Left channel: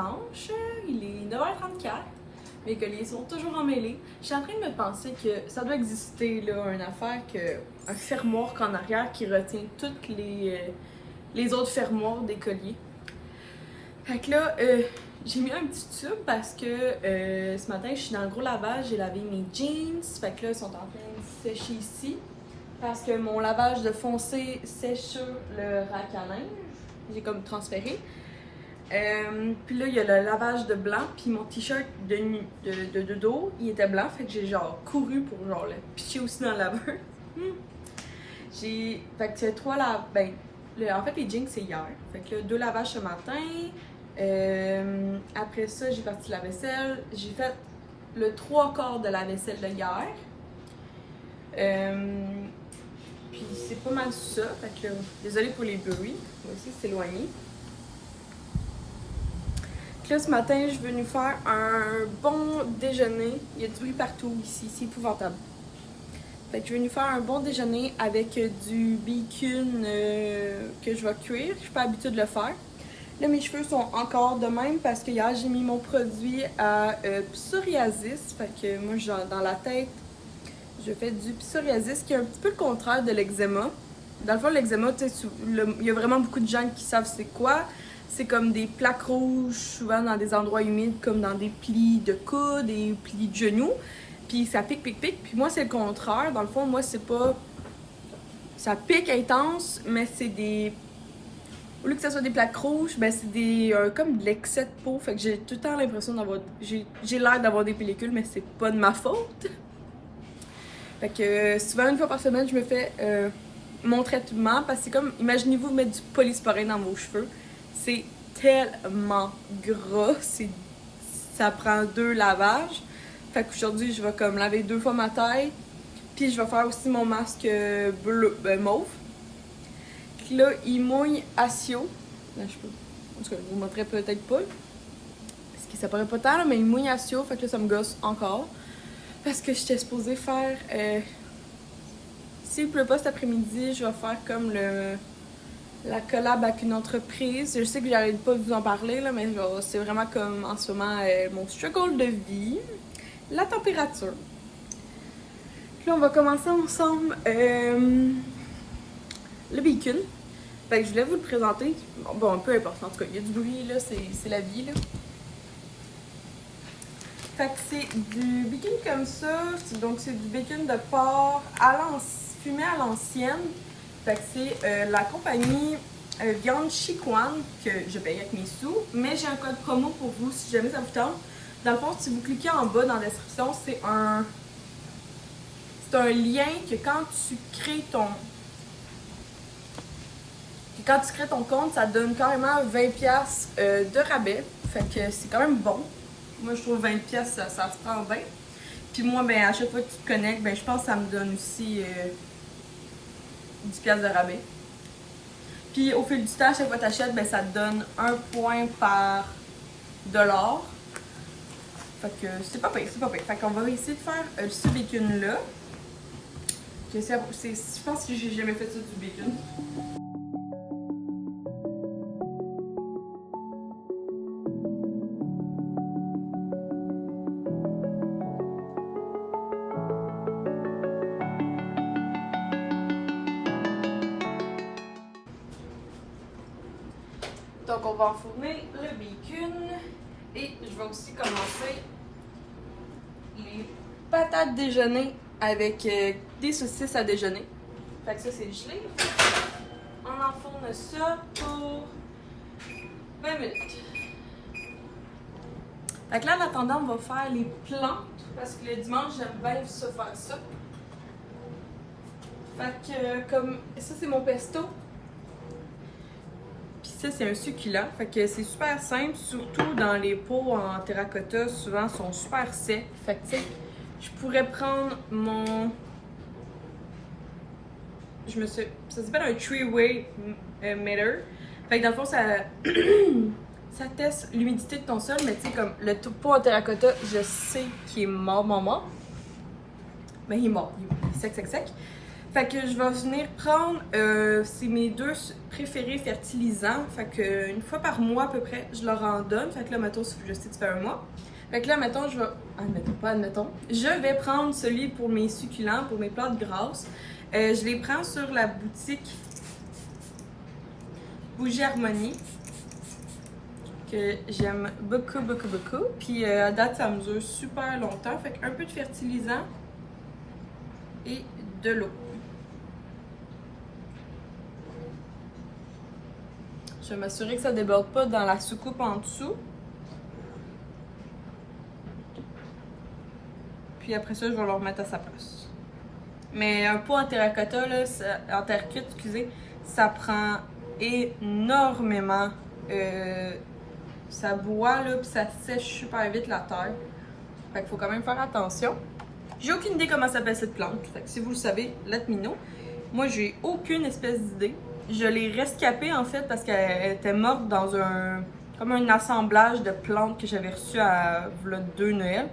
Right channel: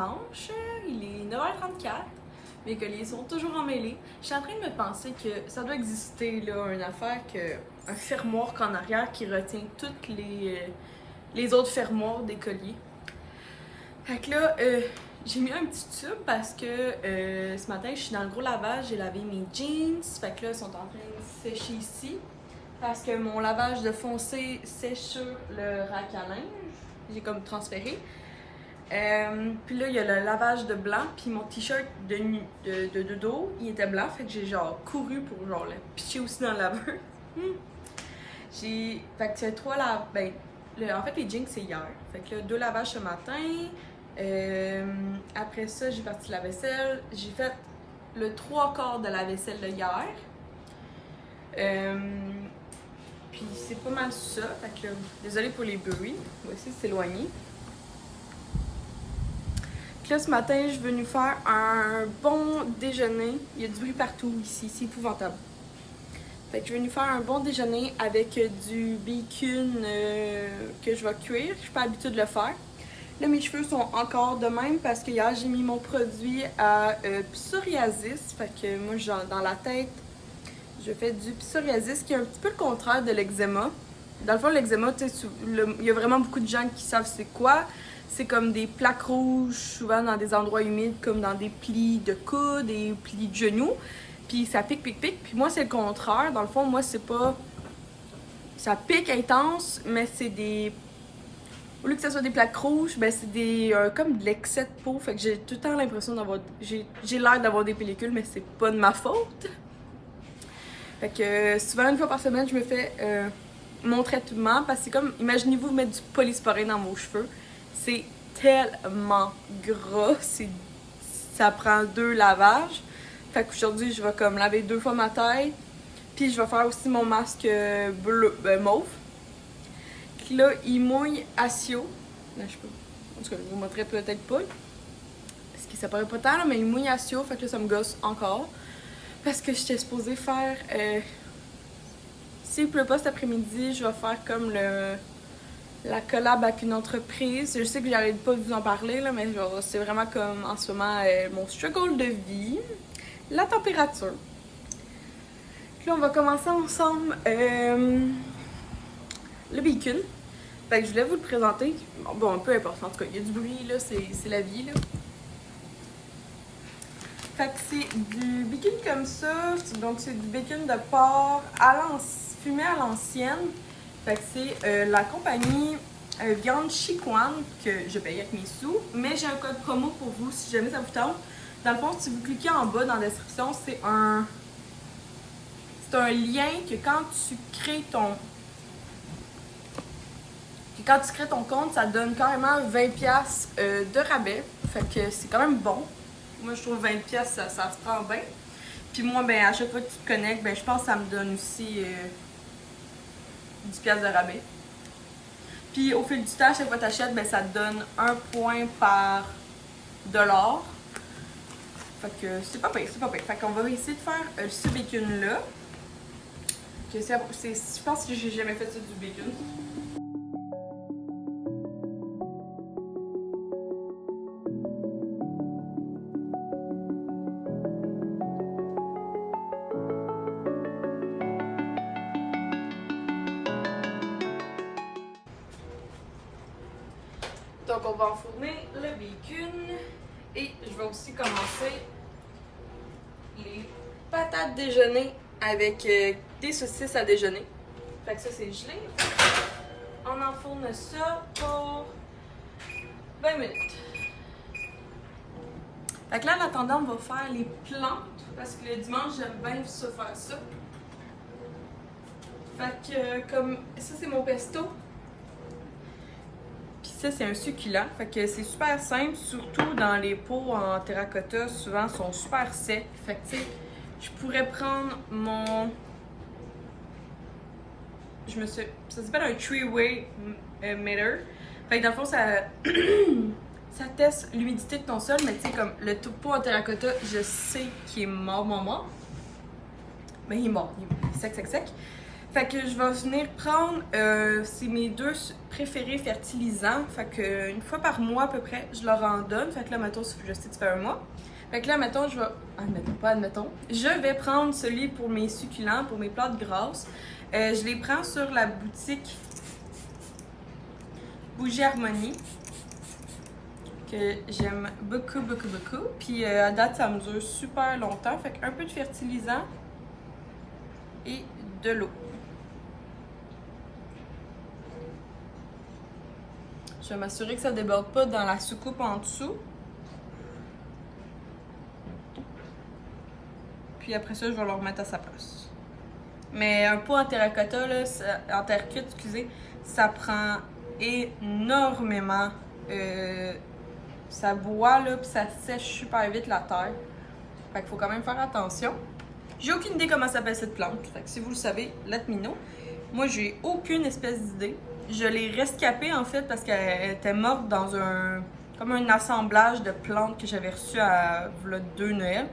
dimanche, il est 9h34. Mes colliers sont toujours emmêlés. Je suis en train de me penser que ça doit exister, là, une affaire, un fermoir qu'en arrière qui retient toutes les autres fermoirs des colliers. Fait que là, j'ai mis un petit tube parce que ce matin, je suis dans le gros lavage, j'ai lavé mes jeans. Fait que là, ils sont en train de sécher ici. Parce que mon lavage de foncé sèche sur le rack à linge. J'ai comme transféré. Puis là, il y a le lavage de blanc, puis mon t-shirt de dos, il était blanc, fait que j'ai genre couru pour genre le pitcher aussi dans le laveur. Fait que c'est 3 lavages, en fait les jeans c'est hier, fait que là, 2 lavages ce matin. Après ça, j'ai parti la vaisselle, j'ai fait le 3/4 de la vaisselle de hier. Puis c'est pas mal ça, fait que là, désolée pour les bruits, on va essayer de s'éloigner. Là, ce matin, je veux nous faire un bon déjeuner. Il y a du bruit partout ici, c'est épouvantable. Fait que je vais nous faire un bon déjeuner avec du bacon que je vais cuire. Je suis pas habituée de le faire. Là, mes cheveux sont encore de même parce que hier, j'ai mis mon produit à psoriasis. Fait que moi, genre, dans la tête, je fais du psoriasis qui est un petit peu le contraire de l'eczéma. Dans le fond, l'eczéma, il y a vraiment beaucoup de gens qui savent c'est quoi. C'est comme des plaques rouges, souvent dans des endroits humides, comme dans des plis de coude, des plis de genoux. Puis ça pique. Puis moi, c'est le contraire. Dans le fond, moi, c'est pas... Ça pique intense, mais c'est des... Au lieu que ce soit des plaques rouges, ben c'est des... comme de l'excès de peau. Fait que j'ai tout le temps l'impression d'avoir... J'ai l'air d'avoir des pellicules, mais c'est pas de ma faute. Fait que souvent, une fois par semaine, je me fais mon traitement. Parce que c'est comme... Imaginez-vous mettre du polysporin dans vos cheveux. C'est tellement gras, ça prend 2 lavages. Fait qu'aujourd'hui, je vais comme laver 2 fois ma tête. Puis je vais faire aussi mon masque bleu, mauve. Puis là, il mouille Asio. Là, je sais pas. En tout cas, je vous montrerai peut-être pas. Parce que ça paraît pas tant, là, mais il mouille Asio. Fait que là, ça me gosse encore. Parce que j'étais supposée faire... S'il pleut pas cet après-midi, je vais faire comme la collab avec une entreprise. Je sais que j'arrête pas de vous en parler, là, mais c'est vraiment comme en ce moment mon struggle de vie. La température. Puis là, on va commencer ensemble le bacon. Fait que je voulais vous le présenter. Bon, peu importe, en tout cas, il y a du bruit, là, c'est la vie, là. Fait que c'est du bacon comme ça. Donc, c'est du bacon de porc fumé à l'ancienne. Fait que c'est la compagnie Viande Chicoine que je paye avec mes sous. Mais j'ai un code promo pour vous si jamais ça vous tente. Dans le fond, si vous cliquez en bas dans la description, c'est un lien que quand tu crées ton compte, ça donne carrément 20$ de rabais. Fait que c'est quand même bon. Moi, je trouve 20$, ça se prend bien. Puis moi, ben, à chaque fois que tu te connectes, ben, je pense que ça me donne aussi 10$ de rabais. Puis au fil du temps, à chaque fois que tu achètes, ben, ça te donne 1 point par dollar. Fait que c'est pas pire, c'est pas pire. Fait qu'on va essayer de faire ce bacon-là. Je pense que j'ai jamais fait ça du bacon. Donc on va enfourner le bacon et je vais aussi commencer les patates déjeuner avec des saucisses à déjeuner. Fait que ça c'est gelé. On enfourne ça pour 20 minutes. Fait que là en attendant on va faire les plantes parce que le dimanche j'aime bien ça faire ça. Fait que comme ça c'est mon pesto. Ça, c'est un succulent. Fait que c'est super simple, surtout dans les pots en terracotta, souvent sont super secs. Fait que je pourrais prendre mon... Ça s'appelle un three-way meter. Fait que dans le fond, ça... ça teste l'humidité de ton sol, mais tu sais, comme le pot en terracotta, je sais qu'il est mort. Mais il est mort, il est sec. Fait que je vais venir prendre, c'est mes deux préférés fertilisants. Fait que une fois par mois à peu près, je leur en donne. Fait que là, mettons, je sais que ça fait un mois. Fait que là, mettons, je vais, admettons, je vais prendre celui pour mes succulents, pour mes plantes grasses. Je les prends sur la boutique Bougie Harmonie, que j'aime beaucoup, beaucoup, beaucoup. Puis à date, ça mesure super longtemps. Fait qu'un peu de fertilisant et de l'eau. Je vais m'assurer que ça ne déborde pas dans la soucoupe en dessous. Puis après ça, je vais le remettre à sa place. Mais un pot en terracotta, là, en terre cuite, excusez, ça prend énormément. Ça boit, là, puis ça sèche super vite la terre. Fait qu'il faut quand même faire attention. J'ai aucune idée comment s'appelle cette plante. Fait que si vous le savez, let me know. Moi, j'ai aucune espèce d'idée. Je l'ai rescapée en fait parce qu'elle était morte dans comme un assemblage de plantes que j'avais reçu à 2 Noël.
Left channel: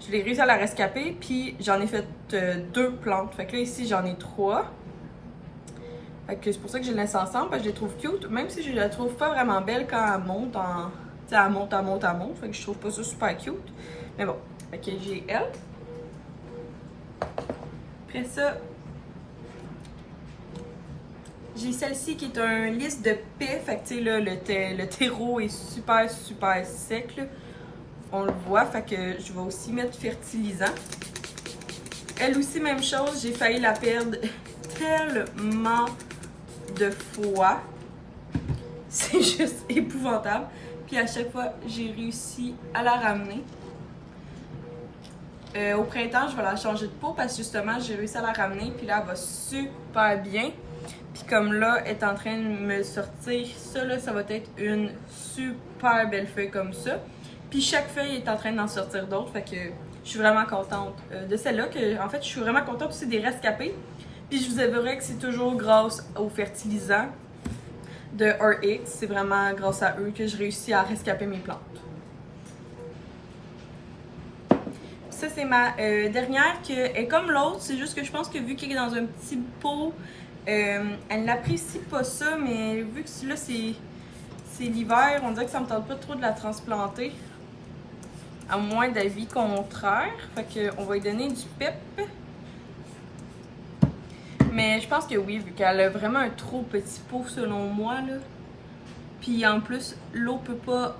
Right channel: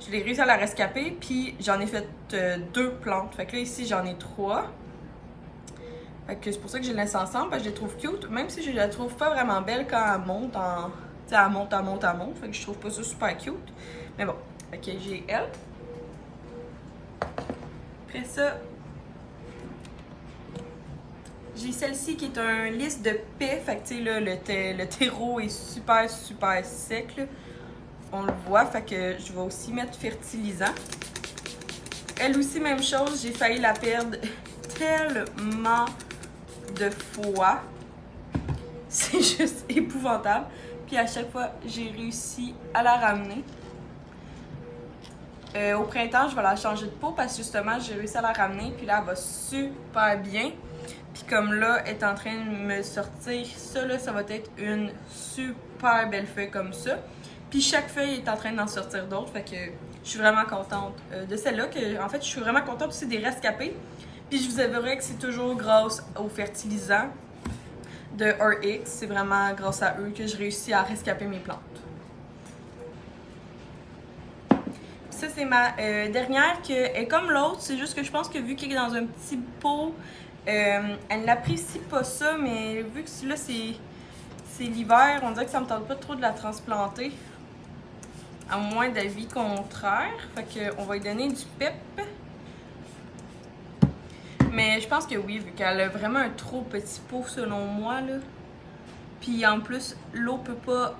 Je l'ai réussi à la rescaper, puis j'en ai fait 2 plantes. Fait que là, ici, j'en ai 3. Fait que c'est pour ça que je les laisse ensemble, parce que je les trouve cute. Même si je la trouve pas vraiment belle quand elle monte en... Tu sais, elle monte. Fait que je trouve pas ça super cute. Mais bon, fait que j'ai elle. Après ça, j'ai celle-ci qui est un lys de paix. Fait que tu sais, là, le terreau est super, super sec, là. On le voit, fait que je vais aussi mettre fertilisant. Elle aussi, même chose, j'ai failli la perdre tellement de fois. C'est juste épouvantable. Puis à chaque fois, j'ai réussi à la ramener. Au printemps, je vais la changer de peau parce que justement, j'ai réussi à la ramener. Puis là, elle va super bien. Puis comme là, elle est en train de me sortir, ça là, ça va être une super belle feuille comme ça. Puis chaque feuille est en train d'en sortir d'autres, fait que je suis vraiment contente de celle-là. En fait, je suis vraiment contente aussi des rescapés. Puis je vous avouerai que c'est toujours grâce aux fertilisants de RX. C'est vraiment grâce à eux que je réussis à rescaper mes plantes. Ça, c'est ma dernière qui est comme l'autre. C'est juste que je pense que vu qu'elle est dans un petit pot, elle n'apprécie pas ça. Mais vu que là, c'est l'hiver, on dirait que ça me tente pas trop de la transplanter. À moins d'avis contraire. Fait qu'on va lui donner du pep. Mais je pense que oui, vu qu'elle a vraiment un trop petit pot selon moi, là. Puis en plus, l'eau peut pas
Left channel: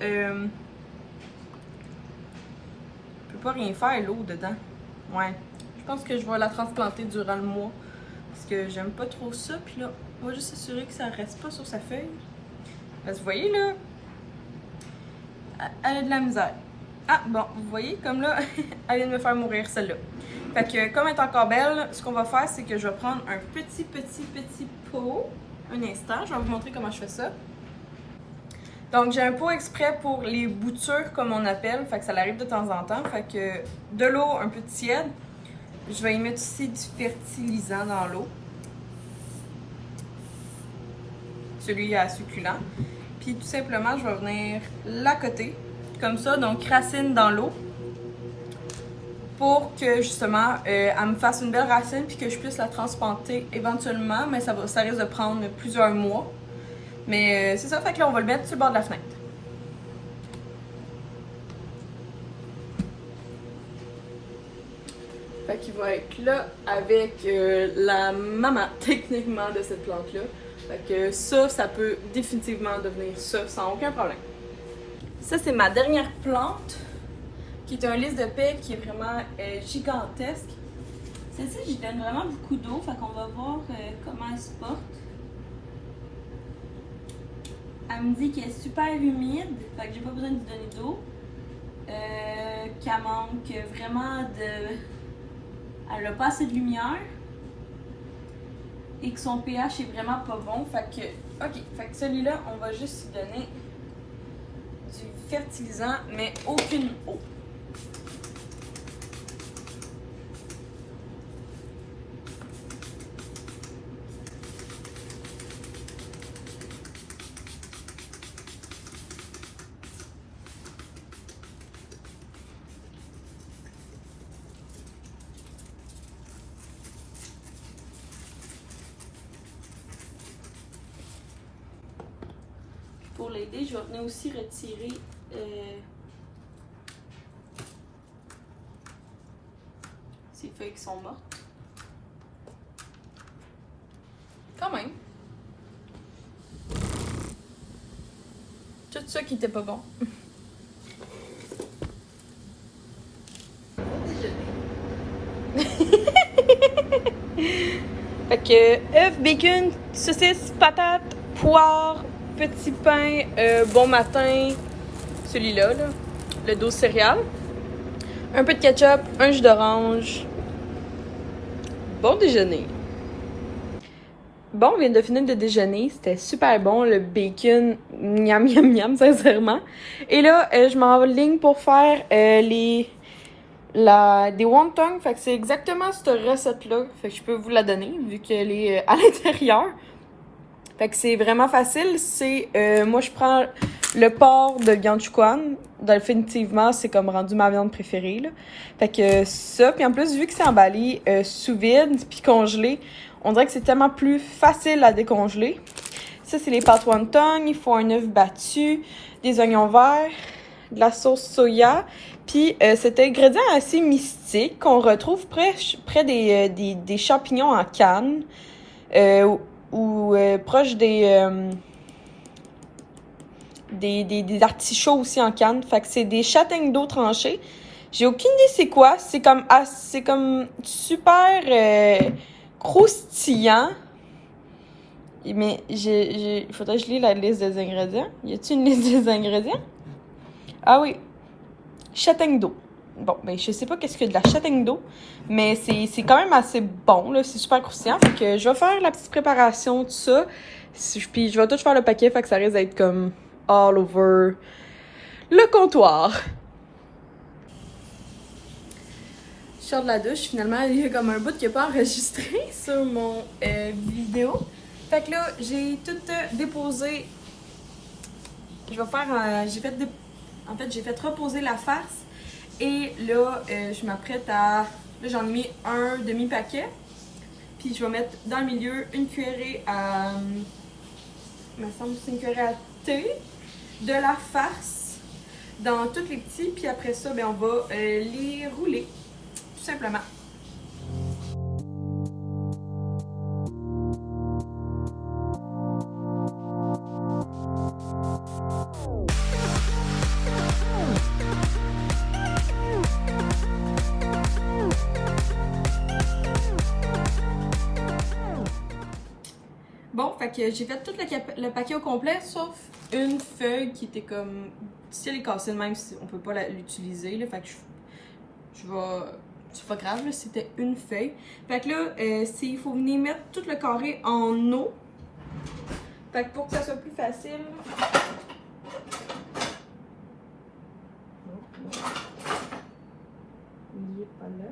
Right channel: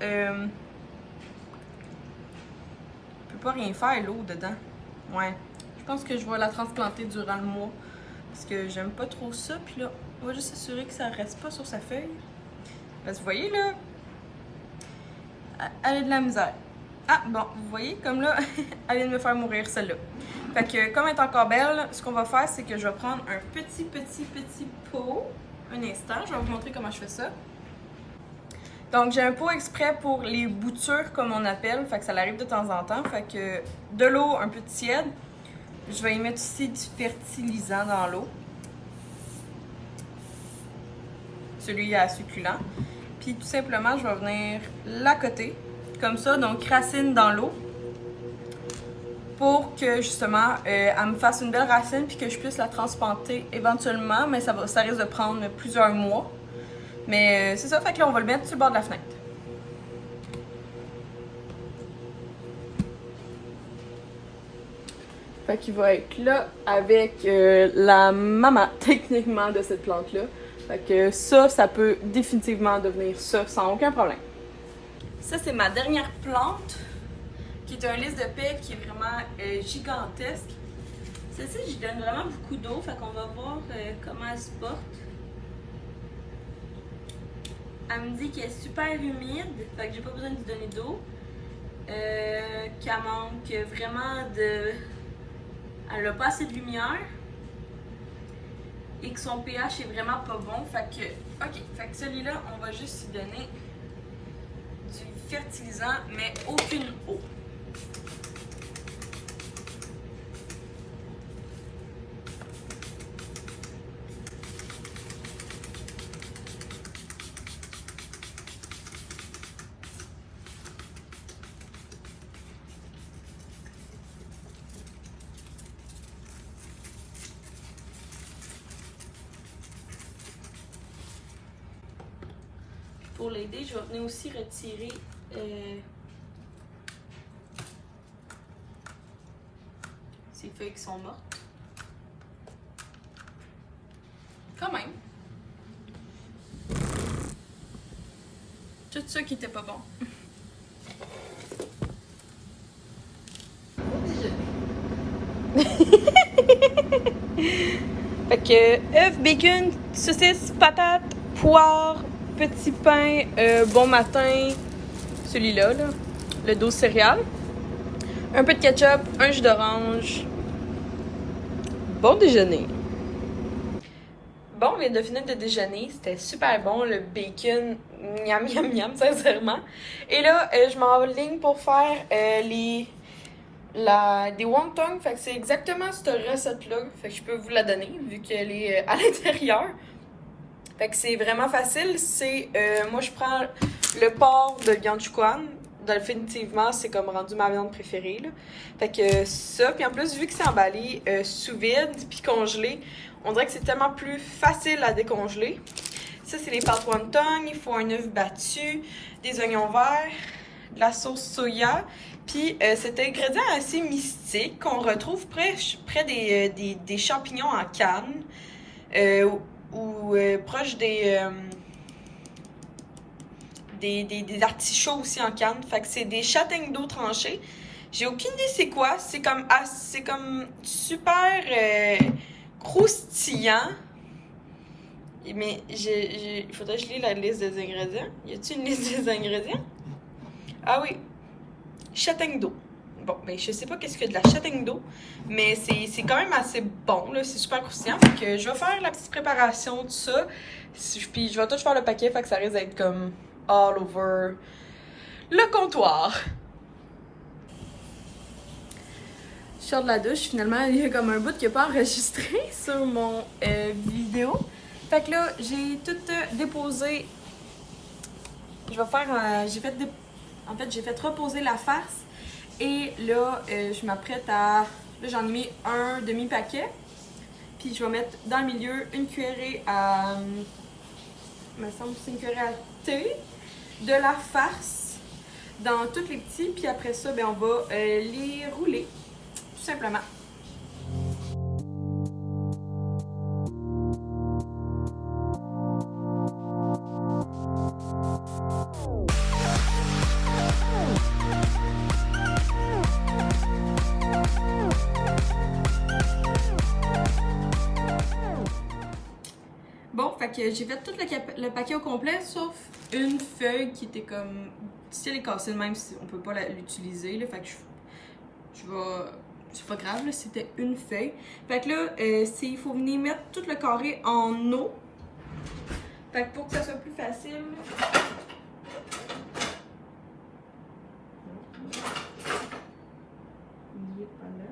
rien faire, l'eau dedans. Ouais. Je pense que je vais la transplanter durant le mois. Parce que j'aime pas trop ça. Puis là, on va juste s'assurer que ça reste pas sur sa feuille. Parce que vous voyez là, elle a de la misère. Ah, bon, vous voyez, comme là, elle vient de me faire mourir, celle-là. Fait que, comme elle est encore belle, ce qu'on va faire, c'est que je vais prendre un petit pot. Un instant, je vais vous montrer comment je fais ça. Donc, j'ai un pot exprès pour les boutures, comme on appelle. Fait que ça arrive de temps en temps. Fait que, de l'eau un peu tiède. Je vais y mettre aussi du fertilisant dans l'eau. Celui à succulent. Puis, tout simplement, je vais venir l'accoter. Comme ça, donc racine dans l'eau pour que justement elle me fasse une belle racine puis que je puisse la transplanter éventuellement, mais ça risque de prendre plusieurs mois. Mais c'est ça, fait que là on va le mettre sur le bord de la fenêtre. Fait qu'il va être là avec la maman techniquement de cette plante-là. Fait que ça peut définitivement devenir ça sans aucun problème. Ça, c'est ma dernière plante, qui est un lys de paix qui est vraiment gigantesque. Celle-ci, j'y donne vraiment beaucoup d'eau, fait qu'on va voir comment elle se porte. Elle me dit qu'elle est super humide, fait que j'ai pas besoin de lui donner d'eau. Qu'elle manque vraiment de... Elle n'a pas assez de lumière. Et que son pH est vraiment pas bon, fait que... Ok, fait que celui-là, on va juste lui donner du fertilisant, mais aucune eau. pour l'aider, je vais venir aussi retirer ces feuilles qui sont mortes. Quand même. Tout ça qui était pas bon. Fait que œufs, bacon, saucisses, patates, poire, petit pain, bon matin, celui-là, là, le dos céréales, un peu de ketchup, un jus d'orange. Bon déjeuner. Bon, on vient de finir de déjeuner, c'était super bon, le bacon, miam miam miam, sincèrement. Et là, je m'enligne pour faire des wontons, fait que c'est exactement cette recette-là, fait que je peux vous la donner, vu qu'elle est à l'intérieur. Fait que c'est vraiment facile, moi je prends le porc de Vianchuan, définitivement c'est comme rendu ma viande préférée, là. Fait que ça, puis en plus vu que c'est emballé sous vide puis congelé, on dirait que c'est tellement plus facile à décongeler. Ça c'est les pâtes wonton, il faut un œuf battu, des oignons verts, de la sauce soya, puis cet ingrédient assez mystique qu'on retrouve près des champignons en canne, ou proche des artichauts aussi en canne. Fait que c'est des châtaignes d'eau tranchées. J'ai aucune idée c'est quoi. C'est comme super croustillant. Mais il faudrait que je lis la liste des ingrédients. Y a-t-il une liste des ingrédients? Ah oui. Châtaigne d'eau. Bon, ben je sais pas qu'est-ce que de la châtaigne d'eau, mais c'est quand même assez bon, là, c'est super croustillant. Fait que je vais faire la petite préparation de ça. Puis je vais tout faire le paquet, fait que ça risque d'être comme all over le comptoir. Je sors de la douche, finalement, il y a comme un bout qui n'a pas enregistré sur mon vidéo. Fait que là, j'ai tout déposé. Je vais faire j'ai fait reposer la farce. Et là, je m'apprête à... Là, j'en ai mis un demi-paquet. Puis je vais mettre dans le milieu une cuillerée à... Il me semble que c'est une cuillerée à thé. De la farce dans tous les petits. Puis après ça, ben, on va les rouler. Tout simplement. Bon, fait que j'ai fait tout le paquet au complet, sauf une feuille qui était comme... Si elle est cassée de même, on peut pas l'utiliser, là. Fait que je vais... C'est pas grave, là, c'était une feuille. Fait que là, il faut venir mettre tout le carré en eau. Fait que pour que ça soit plus facile... Il est pas là.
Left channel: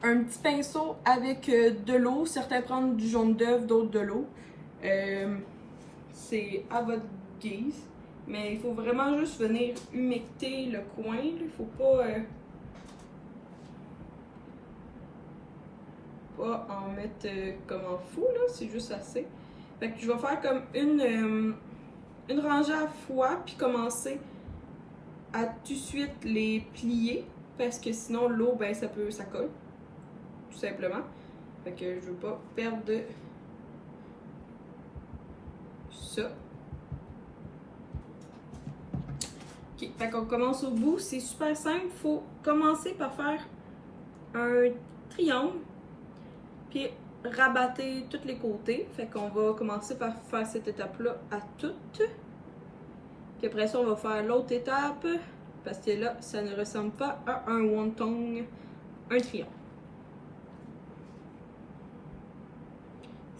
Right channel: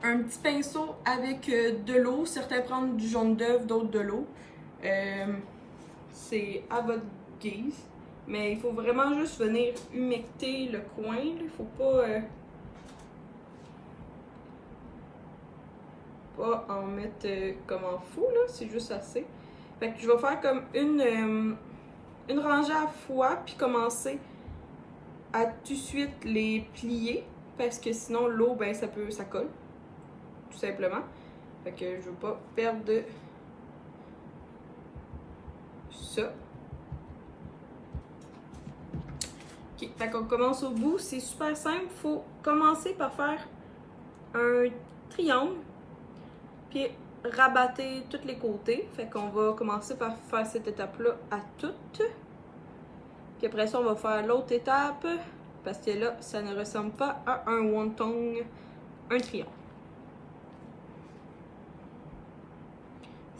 Un petit pinceau avec de l'eau. Certains prennent du jaune d'œuf, d'autres de l'eau. C'est à votre guise. Mais il faut vraiment juste venir humecter le coin. Il faut pas en mettre comme en fou, là. C'est juste assez. Fait que je vais faire comme une rangée à la fois, puis commencer à tout de suite les plier. Parce que sinon, l'eau, ben, ça colle. Tout simplement. Fait que je veux pas perdre de ça. Ok, fait qu'on commence au bout. C'est super simple. Faut commencer par faire un triangle. Puis rabattre tous les côtés. Fait qu'on va commencer par faire cette étape-là à toutes. Puis après ça, on va faire l'autre étape. Parce que là, ça ne ressemble pas à un wonton, un triangle.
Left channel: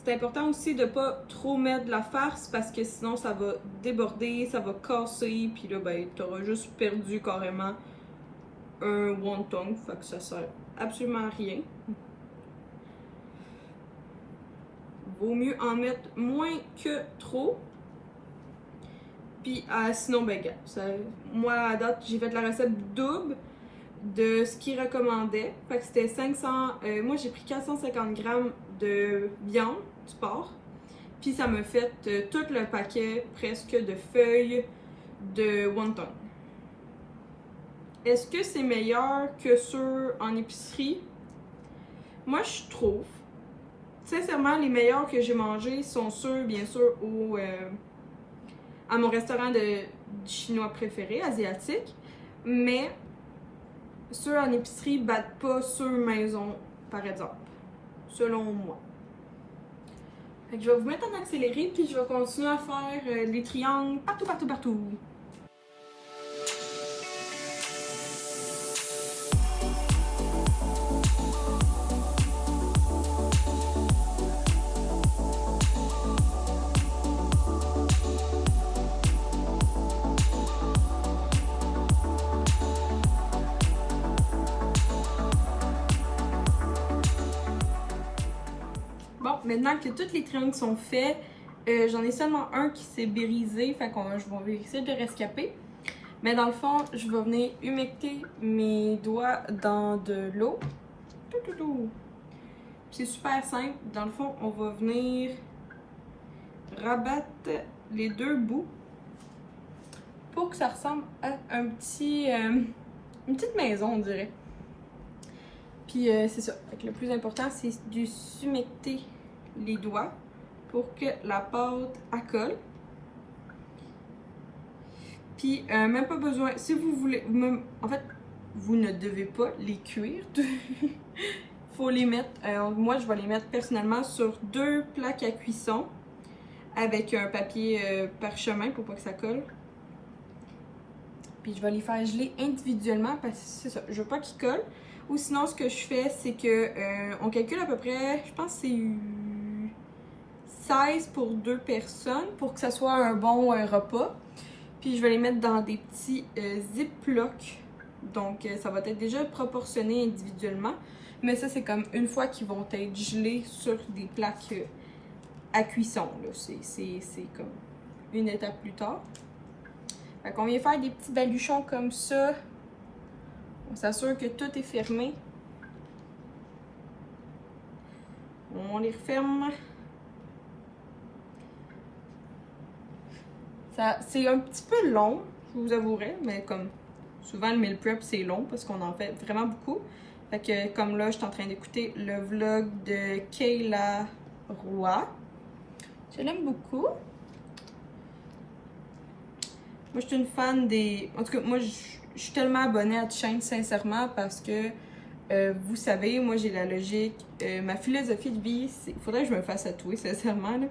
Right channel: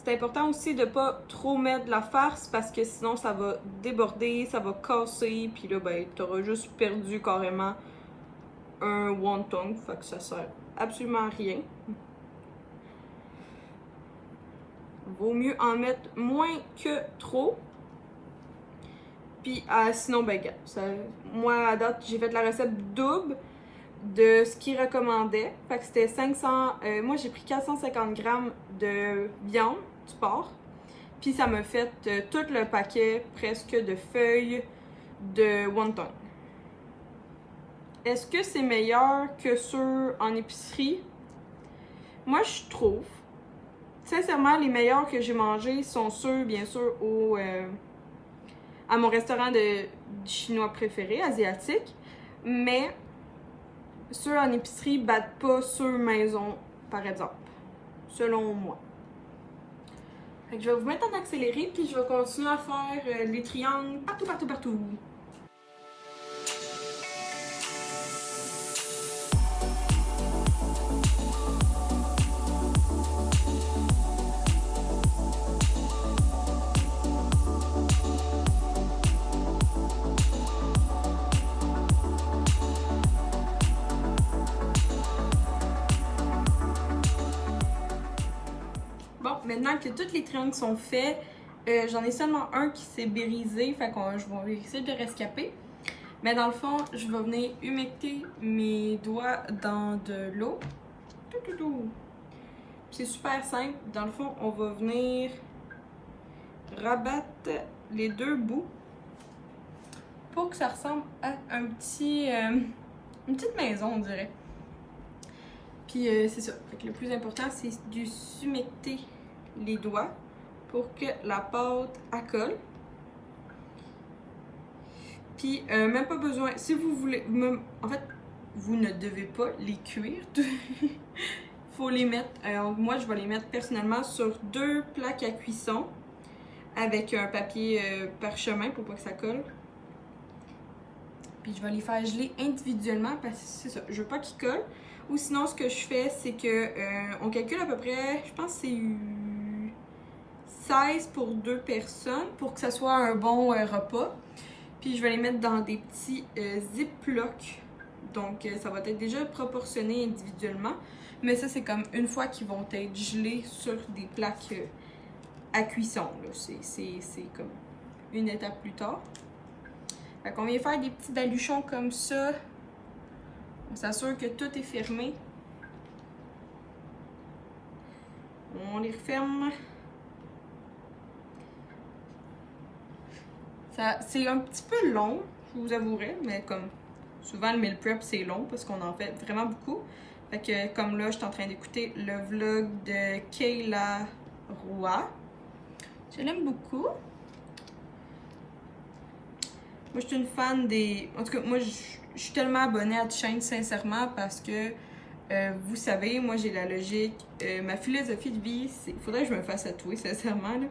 C'est important aussi de ne pas trop mettre de la farce parce que sinon ça va déborder, ça va casser, puis là ben tu auras juste perdu carrément un wonton, fait que ça sert absolument à rien. Vaut mieux en mettre moins que trop. Puis sinon, ben, gars, moi, à date, j'ai fait la recette double de ce qu'il recommandait. Fait que c'était 500... moi, j'ai pris 450 grammes de viande du porc. Puis ça m'a fait tout le paquet presque de feuilles de wonton. Est-ce que c'est meilleur que ceux en épicerie? Moi, je trouve. Sincèrement, les meilleurs que j'ai mangés sont ceux, bien sûr, à mon restaurant de chinois préféré, asiatique. Mais ceux en épicerie battent pas ceux maison, par exemple. Selon moi. Fait que je vais vous mettre en accéléré, puis je vais continuer à faire les triangles partout, partout, partout. Bon, maintenant que tous les triangles sont faits, j'en ai seulement un qui s'est brisé, fait que je vais essayer de rescaper. Mais dans le fond, je vais venir humecter mes doigts dans de l'eau. C'est super simple. Dans le fond, on va venir rabattre les deux bouts pour que ça ressemble à une petite maison, on dirait. Puis c'est ça. Fait que le plus important, c'est de s'humecter les doigts pour que la pâte colle. Puis même pas besoin, si vous voulez, en fait, vous ne devez pas les cuire. Faut les mettre, moi je vais les mettre personnellement sur 2 plaques à cuisson avec un papier parchemin pour pas que ça colle. Puis je vais les faire geler individuellement parce que c'est ça, je veux pas qu'ils collent. Ou sinon ce que je fais, c'est que on calcule à peu près, je pense que c'est 16 pour 2 personnes pour que ça soit un bon repas. Puis je vais les mettre dans des petits ziplocs. Donc ça va être déjà proportionné individuellement. Mais ça c'est comme une fois qu'ils vont être gelés sur des plaques à cuisson. C'est comme une étape plus tard. Fait qu'on vient faire des petits baluchons comme ça. On s'assure que tout est fermé. On les referme. C'est un petit peu long, je vous avouerai, mais comme souvent le meal prep c'est long parce qu'on en fait vraiment beaucoup. Fait que comme là, je suis en train d'écouter le vlog de Kayla Roy. Je l'aime beaucoup. Moi, je suis une fan des... En tout cas, moi, je suis tellement abonnée à cette chaîne, sincèrement, parce que, vous savez, moi, j'ai la logique. Ma philosophie de vie, c'est... Il faudrait que je me fasse tatouer, sincèrement, là.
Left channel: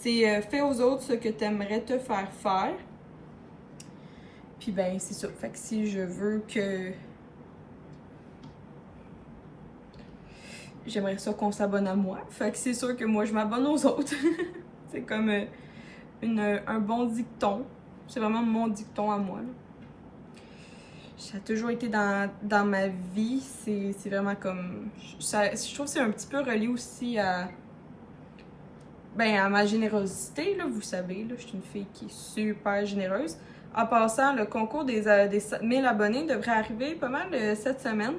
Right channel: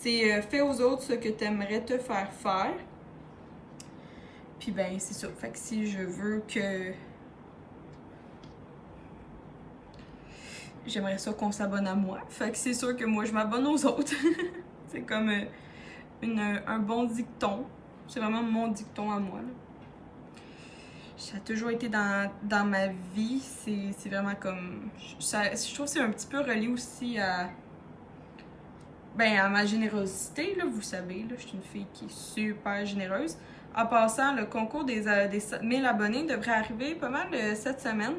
C'est fais aux autres ce que tu aimerais te faire faire. Puis, ben, c'est ça. Fait que si je veux que... J'aimerais ça qu'on s'abonne à moi. Fait que c'est sûr que moi, je m'abonne aux autres. C'est comme un bon dicton. C'est vraiment mon dicton à moi, là. Ça a toujours été dans ma vie. C'est vraiment comme... je trouve que c'est un petit peu relié aussi à ma générosité, là. Vous savez, là, je suis une fille qui est super généreuse. En passant, le concours des 1000 abonnés devrait arriver pas mal cette semaine.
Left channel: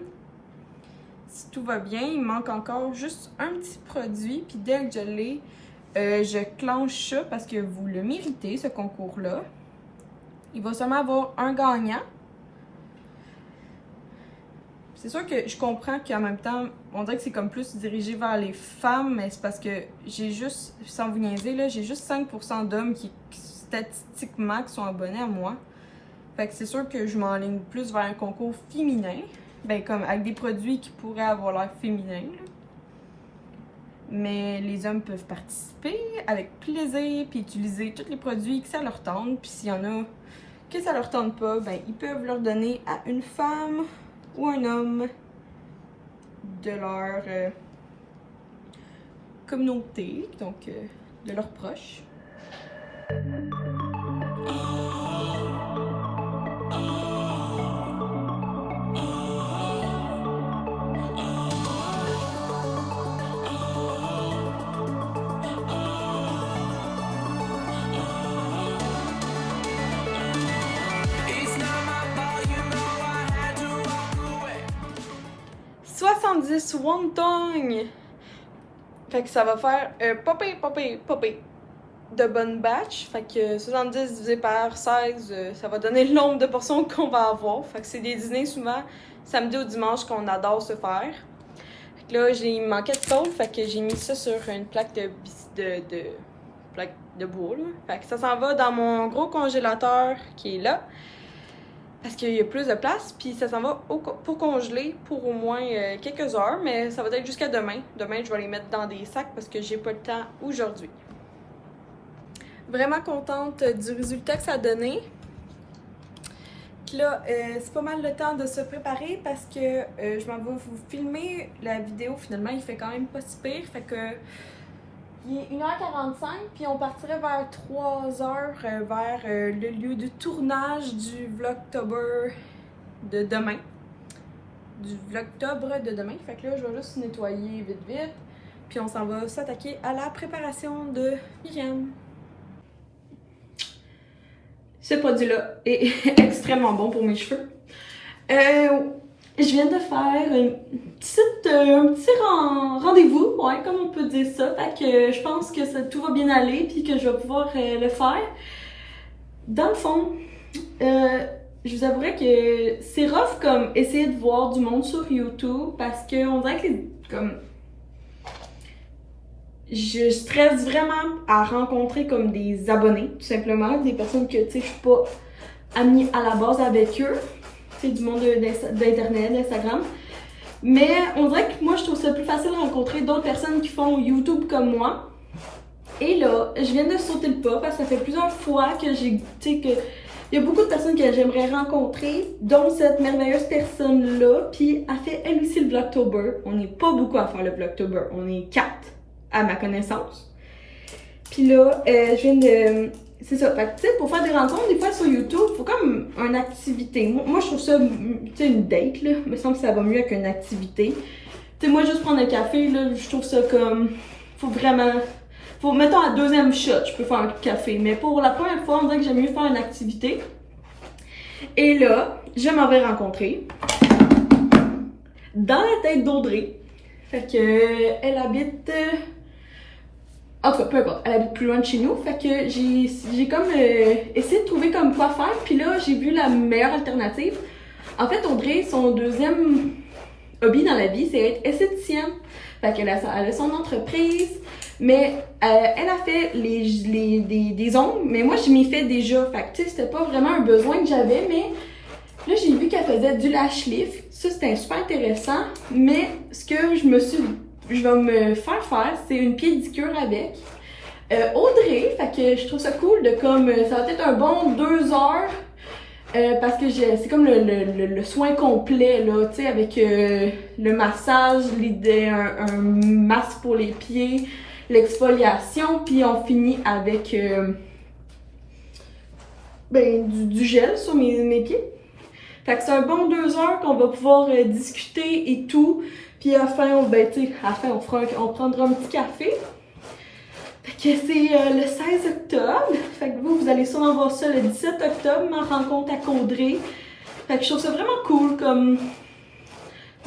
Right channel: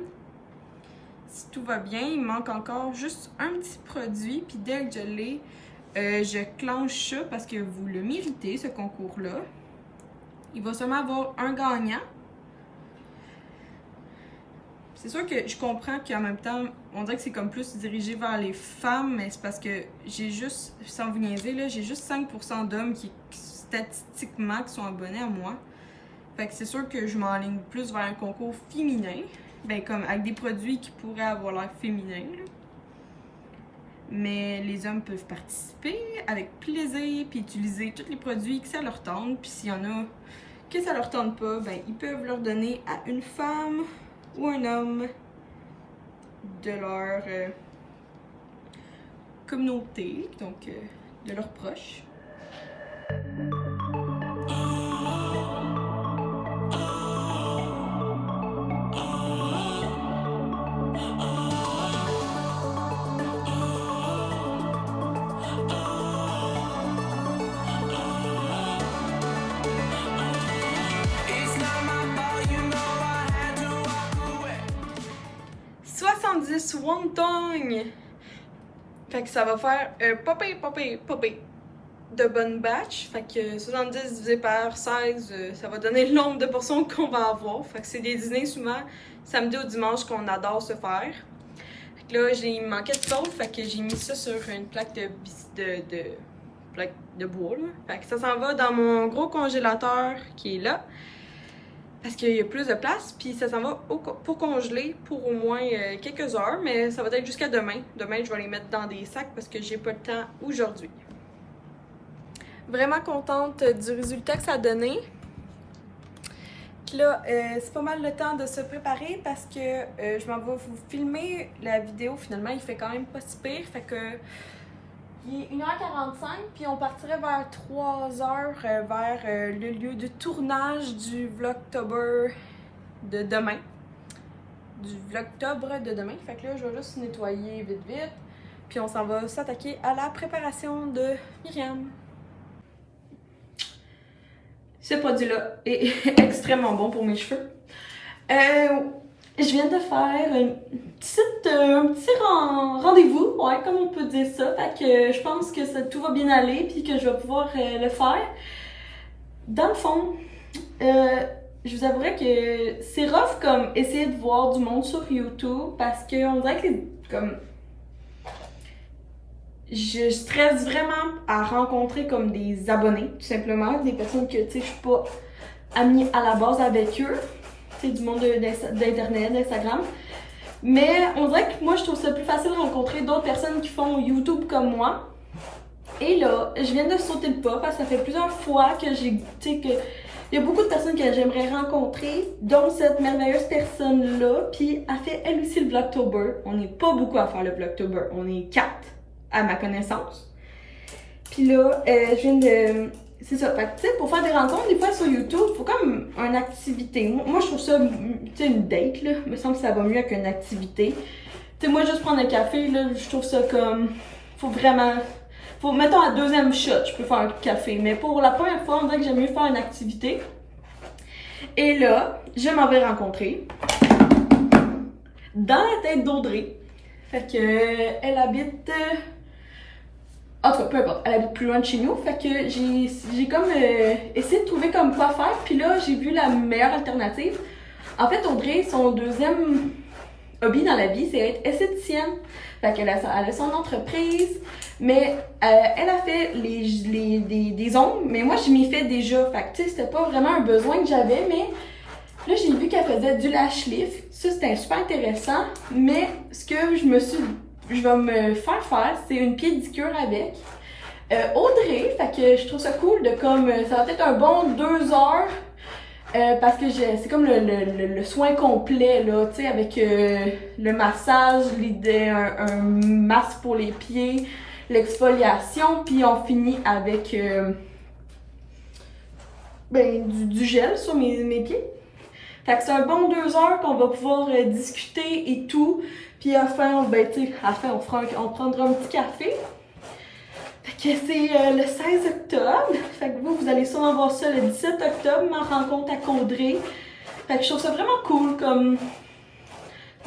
Si tout va bien, il manque encore juste un petit produit. Puis dès que je l'ai, je clenche ça parce que vous le méritez, ce concours-là. Il va seulement avoir un gagnant. C'est sûr que je comprends qu'en même temps, on dirait que c'est comme plus dirigé vers les femmes, mais c'est parce que j'ai juste, sans vous niaiser, là, j'ai juste 5% d'hommes qui, statistiquement, qui sont abonnés à moi. Fait que c'est sûr que je m'enligne plus vers un concours féminin. Ben, comme avec des produits qui pourraient avoir l'air féminin, là. Mais les hommes peuvent participer avec plaisir, puis utiliser tous les produits que ça leur tente. Puis s'il y en a que ça leur tente pas, ben ils peuvent leur donner à une femme ou un homme de leur communauté, donc de leurs proches. 70 wonton. Fait que ça va faire popé de bonne batch. Fait que 70 divisé par 16, ça va donner le nombre de portions qu'on va avoir. Fait que c'est des dîners souvent samedi ou dimanche qu'on adore se faire. Fait que là, j'ai manqué de sauce, fait que j'ai mis ça sur une plaque plaque de bois. Là. Fait que ça s'en va dans mon gros congélateur qui est là. Parce qu'il y a plus de place, puis ça s'en va pour congeler pour au moins quelques heures, mais ça va être jusqu'à demain. Demain, je vais les mettre dans des sacs parce que j'ai pas le temps aujourd'hui. Vraiment contente du résultat que ça a donné. Puis là, c'est pas mal le temps de se préparer parce que je m'en vais vous filmer la vidéo. Finalement, il fait quand même pas si pire, fait que il est 1h45, puis on partirait vers 3h vers le lieu de tournage du Vlogtober de demain. Du Vlogtober de demain. Fait que là, je vais juste nettoyer vite, puis on s'en va s'attaquer à la préparation de Myriam. Ce produit-là est extrêmement bon pour mes cheveux. Je viens de faire un petit rendez-vous, ouais, comme on peut dire ça. Fait que je pense que tout va bien aller puis que je vais pouvoir le faire. Dans le fond, je vous avouerais que c'est rough comme essayer de voir du monde sur YouTube parce qu'on dirait que comme je stresse vraiment à rencontrer comme des abonnés, tout simplement, des personnes que tu sais je suis pas amie à la base avec eux. C'est du monde d'internet, d'Instagram. Mais on dirait que moi, je trouve ça plus facile de rencontrer d'autres personnes qui font YouTube comme moi. Et là, je viens de sauter le pas parce que ça fait plusieurs fois que j'ai, tu sais, que il y a beaucoup de personnes que j'aimerais rencontrer, dont cette merveilleuse personne-là. Puis elle fait elle aussi le Vlogtober. On n'est pas beaucoup à faire le Vlogtober. On est 4 à ma connaissance. Puis là, je viens de... C'est ça, fait que tu sais, pour faire des rencontres, des fois sur YouTube, il faut comme une activité. Moi je trouve ça, tu sais, une date, là, me semble que ça va mieux qu'une activité. Tu sais, moi juste prendre un café, là, je trouve ça comme, mettons à deuxième shot, je peux faire un café. Mais pour la première fois, on dirait que j'aime mieux faire une activité. Et là, je m'en vais rencontrer dans la tête d'Audrey. Fait que, elle habite... En tout cas, peu importe, elle habite plus loin de chez nous, fait que j'ai comme essayé de trouver comme quoi faire, puis là, j'ai vu la meilleure alternative. En fait, Audrey, son deuxième hobby dans la vie, c'est être esthéticienne. Fait qu'elle a son entreprise, mais elle a fait des ongles, mais moi, je m'y fais déjà. Fait que, tu sais, c'était pas vraiment un besoin que j'avais, mais là, j'ai vu qu'elle faisait du lash lift. Ça, c'était super intéressant, mais ce que je vais me faire, c'est une pédicure avec Audrey. Fait que je trouve ça cool de comme, ça va être un bon 2 heures parce que c'est comme le soin complet, là, tu sais, avec le massage, un masque pour les pieds, l'exfoliation, puis on finit avec du gel sur mes pieds. Fait que c'est un bon 2 heures qu'on va pouvoir discuter et tout. Puis à la fin, on prendra un petit café. Fait que c'est le 16 octobre. Fait que vous allez sûrement voir ça le 17 octobre, ma rencontre à Audrey. Fait que je trouve ça vraiment cool comme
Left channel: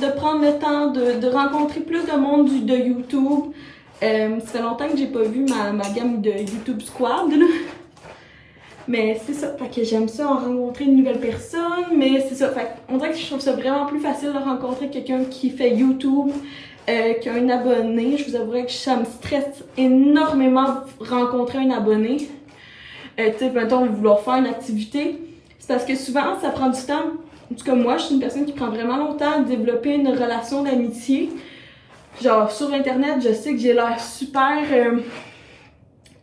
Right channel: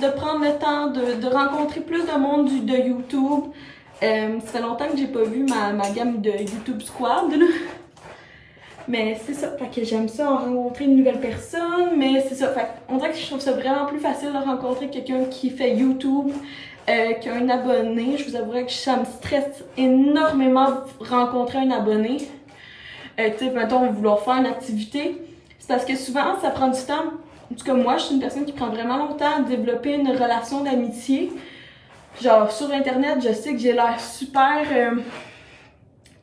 de prendre le temps de rencontrer plus de monde de YouTube. Ça fait longtemps que j'ai pas vu ma gamme de YouTube Squad, là. Mais c'est ça, fait que j'aime ça, rencontrer une nouvelle personne, mais c'est ça, fait on dirait que je trouve ça vraiment plus facile de rencontrer quelqu'un qui fait YouTube qu'un abonné. Je vous avouerai que ça me stresse énormément rencontrer un abonné. Tu sais, mettons, vouloir faire une activité, c'est parce que souvent, ça prend du temps. En tout cas, moi, je suis une personne qui prend vraiment longtemps à développer une relation d'amitié. Genre, sur Internet, je sais que j'ai l'air super...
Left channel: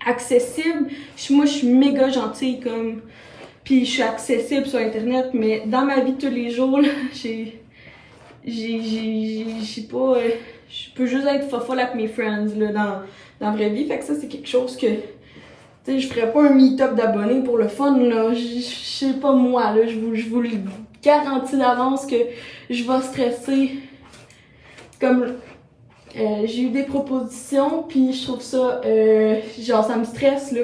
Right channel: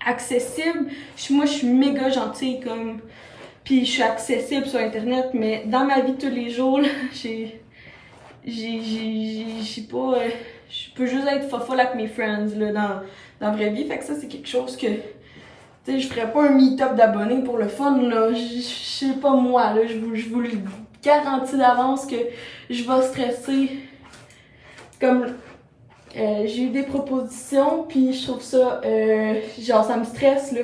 accessible. Moi, je suis méga gentille, comme... Puis je suis accessible sur Internet, mais dans ma vie de tous les jours, là, j'ai pas... je peux juste être fofolle avec mes friends, là, dans la vraie vie. Fait que ça, c'est quelque chose que... Tu sais, je ferais pas un meet-up d'abonnés pour le fun, là. Je sais pas moi, là. Je vous le garantis d'avance que je vais stresser. Comme... j'ai eu des propositions, puis je trouve ça, genre, ça me stresse, là.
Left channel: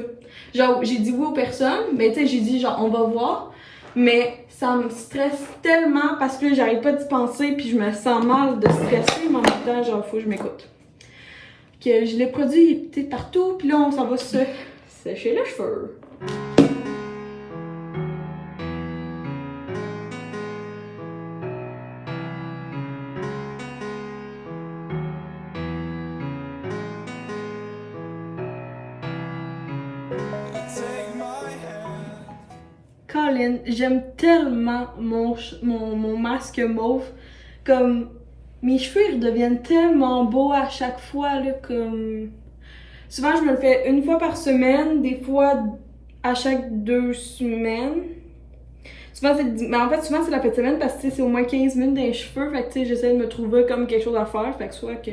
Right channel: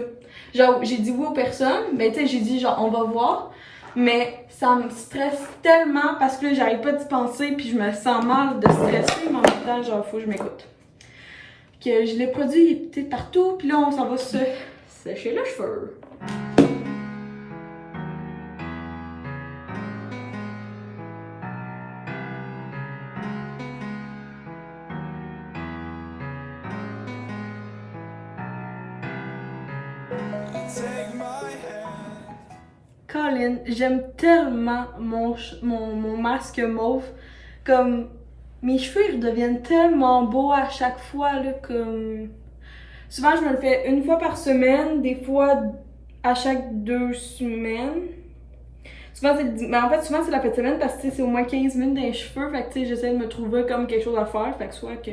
Genre, j'ai dit oui aux personnes, mais tu sais, j'ai dit, genre, on va voir. Mais ça me stresse tellement parce que là, j'arrive pas d'y penser puis je me sens mal de stresser, mais en même temps, genre, faut que je m'écoute. Que je l'ai produit peut-être partout, puis là, on s'en va se sécher les cheveux. Colin, j'aime tellement mon masque mauve. Comme, mes cheveux, ils deviennent tellement beaux à chaque fois, là, comme... Souvent, je me le fais une fois par semaine, des fois à chaque 2 semaines. Souvent, mais en fait, souvent, c'est la fin de semaine parce que c'est au moins 15 minutes dans les cheveux. Fait que, j'essaie de me trouver comme quelque chose à faire. Fait que soit que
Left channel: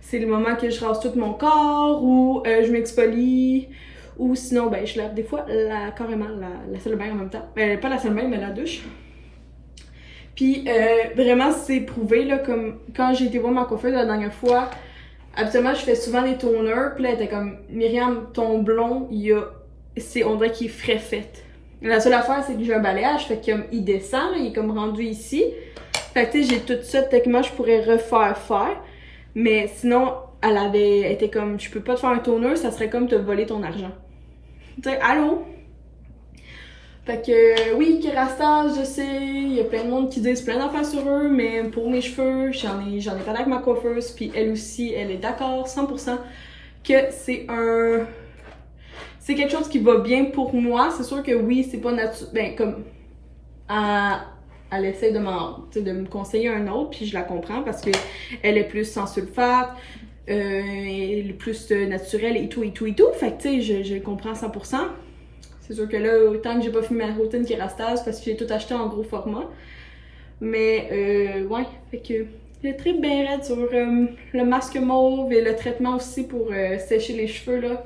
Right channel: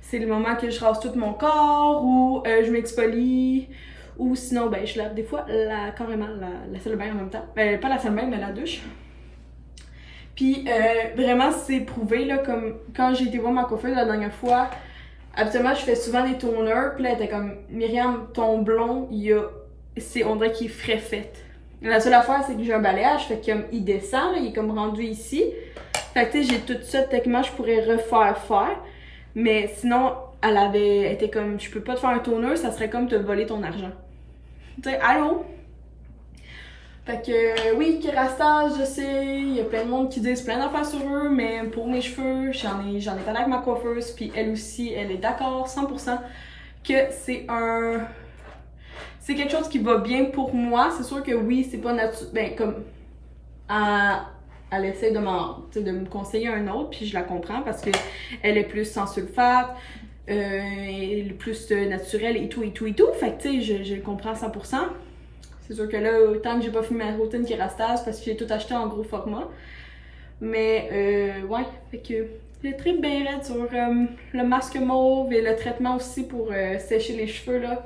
c'est le moment que je rase tout mon corps ou je m'expolie. Ou sinon, ben, je lave des fois carrément la salle de bain en même temps. Pas la salle de bain, mais la douche. Puis vraiment, c'est prouvé, là, comme quand j'ai été voir ma coiffeuse la dernière fois, habituellement, je fais souvent des toners. Puis là, elle était comme, Myriam, ton blond, on dirait qu'il est frais fait. La seule affaire, c'est que j'ai un balayage, fait qu'il descend, là, il est comme rendu ici. Fait que tu sais, j'ai tout ça, techniquement, je pourrais faire. Mais sinon, elle était comme, je peux pas te faire un toner, ça serait comme te voler ton argent. Tu sais, allô? Fait que oui, Kerastase, je sais, il y a plein de monde qui disent plein d'affaires sur eux, mais pour mes cheveux, j'en ai parlé avec ma coiffeuse, puis elle aussi, elle est d'accord 100% que c'est quelque chose qui va bien pour moi. C'est sûr que oui, c'est pas naturel, ben comme, elle essaie de me conseiller un autre, puis je la comprends parce que elle est plus sans sulfate, elle est plus naturelle et tout. Fait que tu sais, je le comprends 100%. C'est sûr que là, autant que j'ai pas fini ma routine Kerastase parce que j'ai tout acheté en gros format. Mais ouais, fait que le trip bien raide sur le masque mauve et le traitement aussi pour sécher les cheveux là.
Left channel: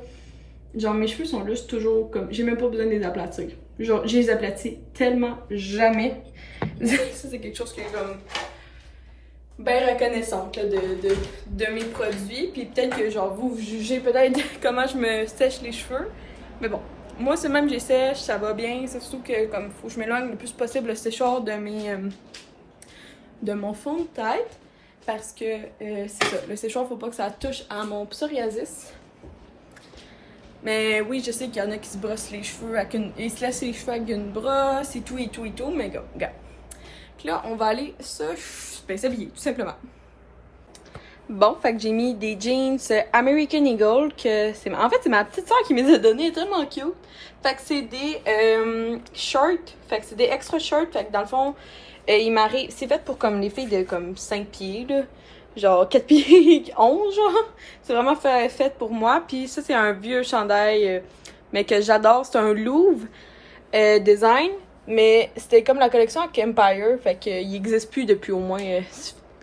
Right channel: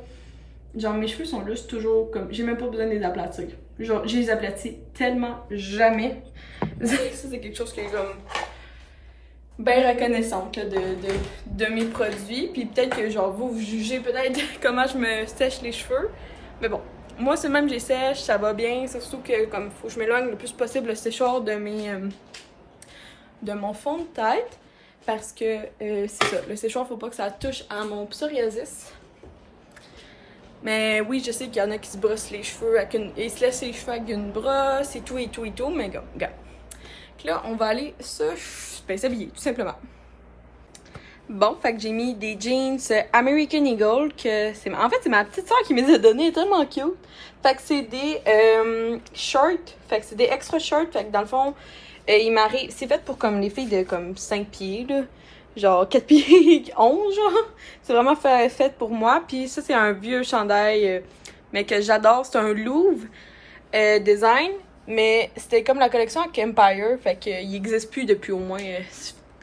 Genre mes cheveux sont juste toujours comme, j'ai même pas besoin de les aplatir. Genre, je les aplatis tellement jamais. Ça, c'est quelque chose que les hommes bien reconnaissante là, de mes produits. Puis peut-être que genre vous jugez peut-être comment je me sèche les cheveux. Mais bon, moi c'est même je sèche, ça va bien. C'est surtout que comme faut que je m'éloigne le plus possible le séchoir de mon fond de tête. Parce que c'est ça, le séchoir faut pas que ça touche à mon psoriasis. Mais oui, je sais qu'il y en a qui se brossent les cheveux ils se laissent les cheveux avec une brosse et tout, mais regarde. Là, on va aller s'habiller, tout simplement. Bon, fait que j'ai mis des jeans American Eagle, en fait, c'est ma petite soeur qui me les a donnés, tellement cute. Fait que c'est des shorts, fait que c'est des extra shorts, fait que dans le fond, c'est fait pour comme les filles de comme 5 pieds, là. Genre 4 pieds 11, genre. C'est vraiment fait pour moi. Puis ça, c'est un vieux chandail, mais que j'adore. C'est un Louvre design. Mais c'était comme la collection avec Empire. Fait qu'il n'existe plus depuis au moins...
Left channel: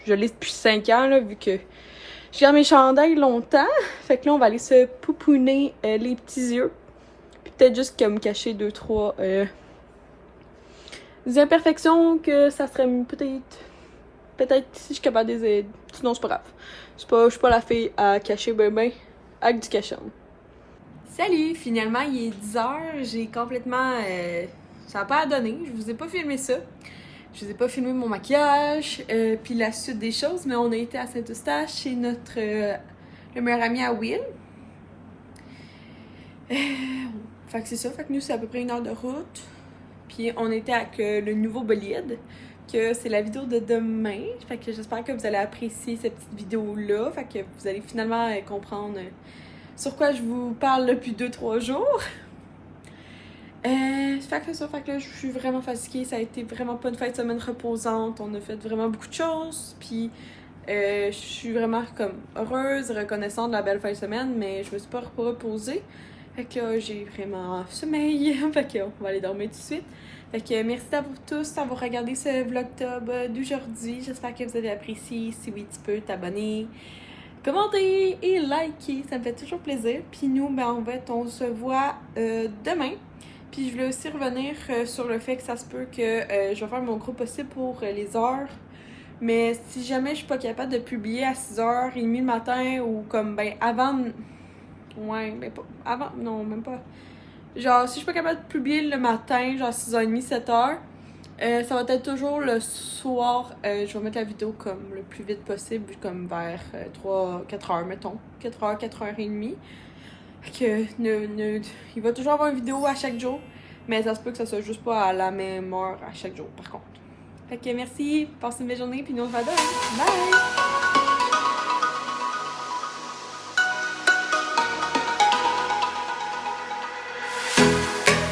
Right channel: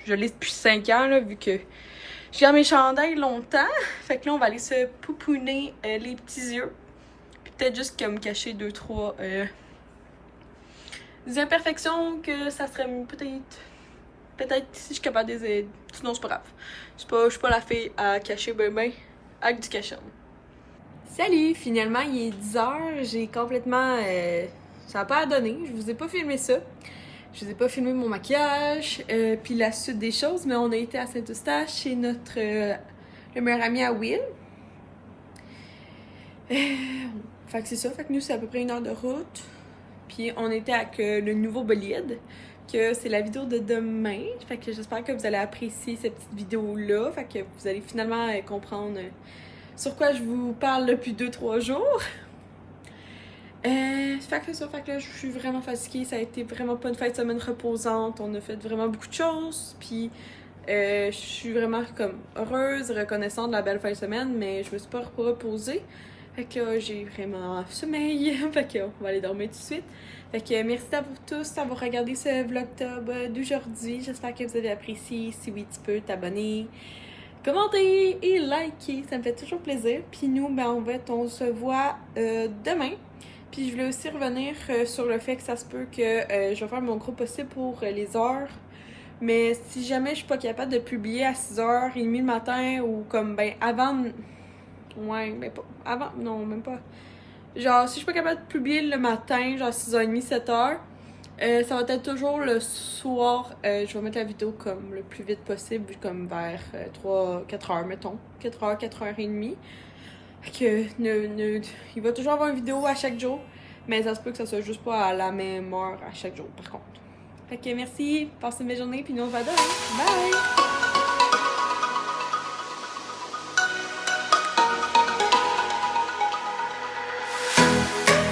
je l'ai depuis 5 ans, là, vu que je garde mes chandails longtemps. Fait que là, on va aller se pouponner les petits yeux. Puis peut-être juste comme cacher 2-3 des imperfections que ça serait peut-être si je suis capable de les aider. Sinon, c'est pas grave. Je suis pas la fille à cacher ben avec du cachet. Salut! Finalement, il est 10h. J'ai complètement... ça n'a pas donné. Je vous ai pas filmé ça. Je vous ai pas filmé mon maquillage. Puis la suite des choses. Mais on a été à Saint-Eustache chez le meilleur ami à Will. Fait que c'est ça. Fait que nous, c'est à peu près 1 heure de route. Puis on était avec le nouveau bolide. Que c'est la vidéo de demain. Fait que j'espère que vous allez apprécier cette petite vidéo-là. Fait que vous allez finalement comprendre sur quoi je vous parle depuis 2-3 jours. Fait que c'est ça. Fait que là, je suis vraiment fatiguée. Ça a été vraiment pas une fin de semaine reposante. On a fait vraiment beaucoup de choses. Puis je suis vraiment comme heureuse, reconnaissante de la belle fin de semaine. Mais je me suis pas reposée. Fait que j'ai vraiment sommeil. Fait que on va aller dormir tout de suite. Fait que merci à vous tous d'avoir regardé ce vlog-tub d'aujourd'hui. J'espère que vous avez apprécié. Si oui, tu peux t'abonner, commenter et liker. Ça me fait toujours plaisir. Puis nous, ben en fait, on se voit demain. Puis je voulais aussi revenir sur le fait que ça se peut que je vais faire mon gros possible pour les heures. Mais si jamais je suis pas capable de publier à 6h30 le matin ou comme ben avant... Ouais, ben pas... Avant... Non, même pas... Genre, si je suis pas capable de publier le matin, genre 6h30, 7h, ça va être toujours le soir. Je vais mettre la vidéo comme le plus vite possible, comme vers 3-4h, mettons. 4h, 4h30. Fait que il va toujours avoir une vidéo à chaque jour, mais ça se peut que ça soit juste pas à la même heure à chaque jour, par contre. Fait que merci, passez une belle journée, puis nous on se voit demain. Bye!